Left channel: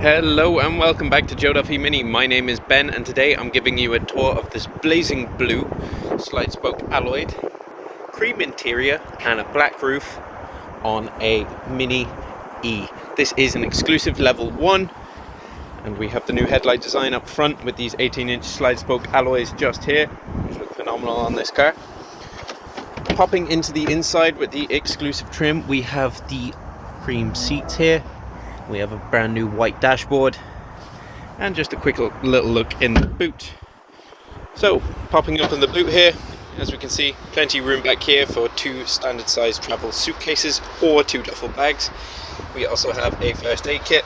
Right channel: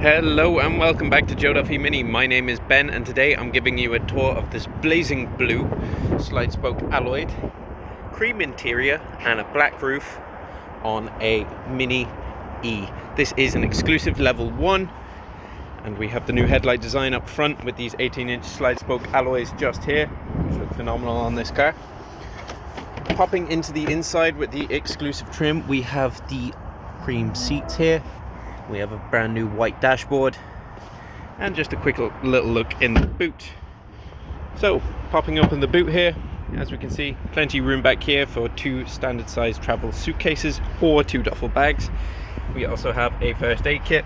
Hello and welcome back to Joe Duffy MINI. My name is Ben and today I'm giving you a tour of this blazing blue slide spoke alloyed cream interior and a black roof on a Mini E. This is an exclusive level 1 and we have the new headlight design up front with these 18-inch slide spoke alloys just here, which look phenomenal on this car. Popping into the inside with the exclusive trim, we have the cream seats here. We have a brand new white dashboard and just a quick little look in the boot. So popping up in the boot here, as we can see, plenty of room back here for 2 standard size travel suitcases or 2 duffel bags. We also have a first aid kit,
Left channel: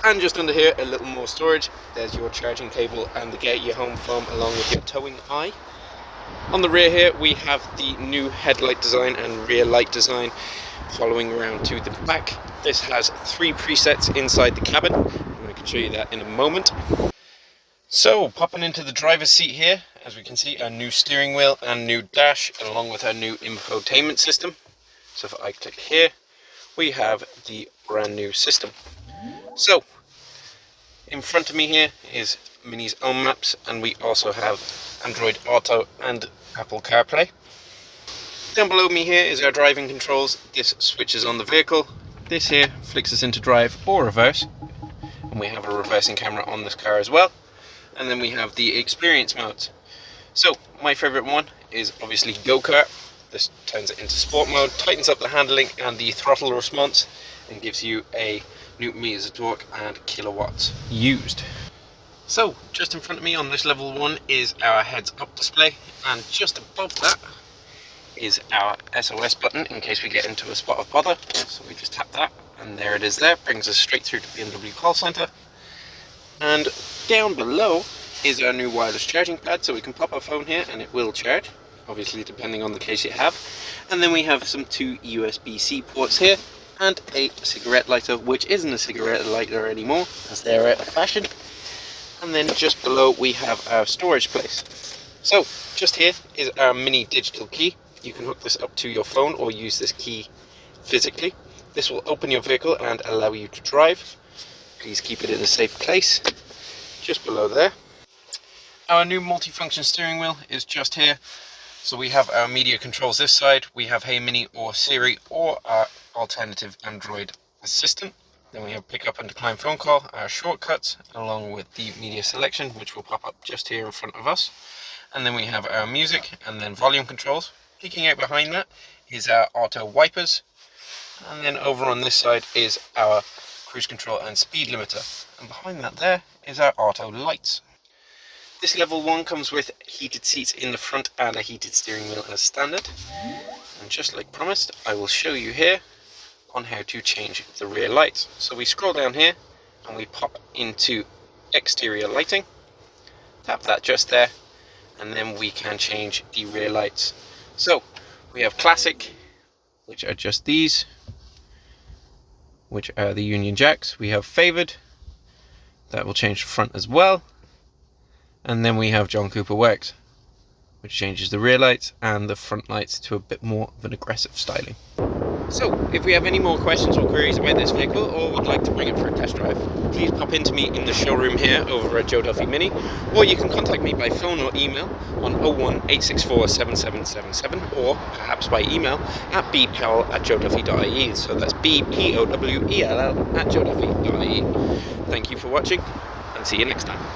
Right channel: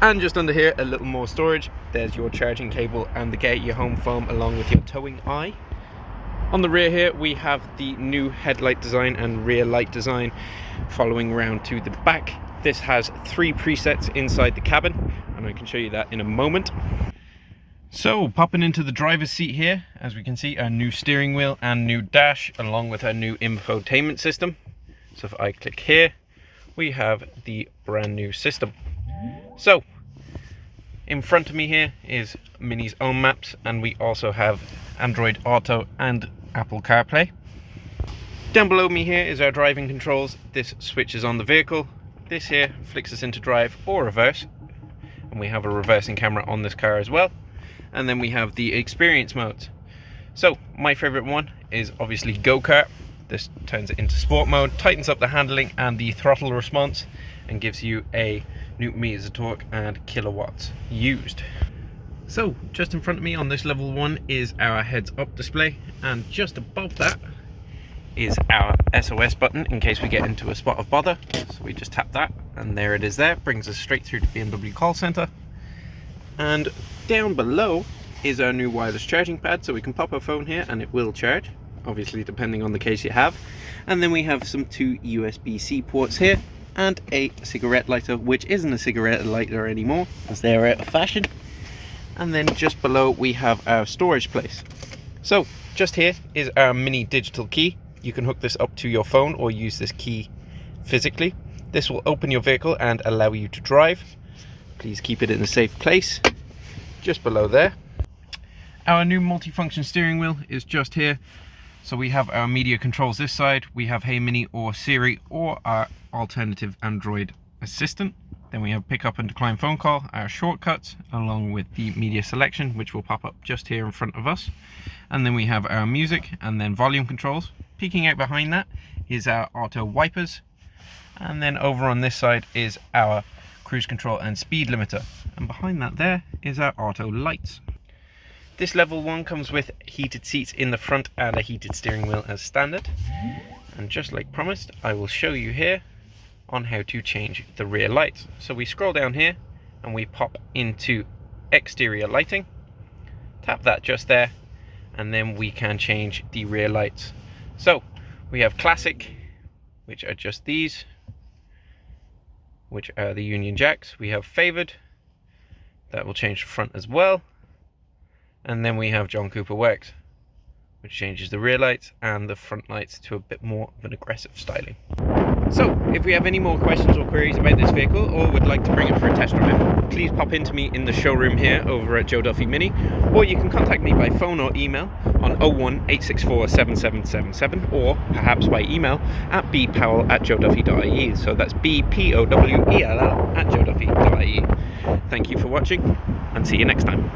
and just under here a little more storage. There's your charging cable and the get your home foam along with your towing eye. On the rear here we have the new headlight design and rear light design following around to the back. This has 3 presets inside the cabin, and I can show you that in a moment. So, popping into the driver's seat here, as we can see, a new steering wheel and new dash, along with our new infotainment system. So if I click here, we have the brand new system. So, in front of me here is Mini's own maps, and we also have Android Auto and Apple CarPlay. Down below me here is our driving controls. This switches on the vehicle. This here flicks us into drive or reverse, and we have a reversing camera on this car as well. And then we have the experience modes. So my favorite one is obviously go-kart. This turns it into sport mode, tightens up the handling and the throttle response, and gives you a newton meters of torque and kilowatts used. So just in front of me on this level 1 is our heads up display, and just above that is our SOS button in case we get into a spot of bother. So we just tap that and there it is there, brings us straight through to BMW call center. And down below is our new wireless charging pad, so we can pop our phone here and it will charge, obviously depending on the case you have. And then we have some 2 USB-C ports here and a cigarette lighter, which isn't a cigarette lighter anymore as they're out of fashion. And then just below we have our storage place. So just here is our Mini digital key. You can hook this up to your phone or use this key physically. This will open your vehicle and allow you to drive. Please keep it in a safe place. Just below there. Our new multifunction steering wheel is just here. So we have our media controls this side. We have Hey Mini or Siri or our alternative Android assistant. Then we have pick up and decline phone call, our shortcuts, along with the media selection, which will pop up just here in front of us. And then we have our music and then volume controls. Peeking out behind that is our auto wipers, and then over on this side is our cruise control and speed limiter, and behind that there is our auto lights. This level 1 comes with heated seats in the front and a heated steering wheel as standard, and just like promised I will show you here on how to change the rear lights. So we scroll down here and we pop into exterior lighting, tap that just there, and then we can change the rear lights. So we have classic, which are just these, which are the Union Jacks. We have favored, that will change the front as well. And then we have John Cooper Works, which changes the rear lights and the front lights to a bit more of an aggressive styling. So if we have any more questions or queries about this vehicle or would like to bring it for a test drive, please pop into me in the showroom here over at Joe Duffy MINI, or you can contact me by phone or email on 01864 7777, or perhaps by email at bpowell@joeduffy.ie. So that's bpowell@joeduffy.ie. Thank you for watching and see you next time.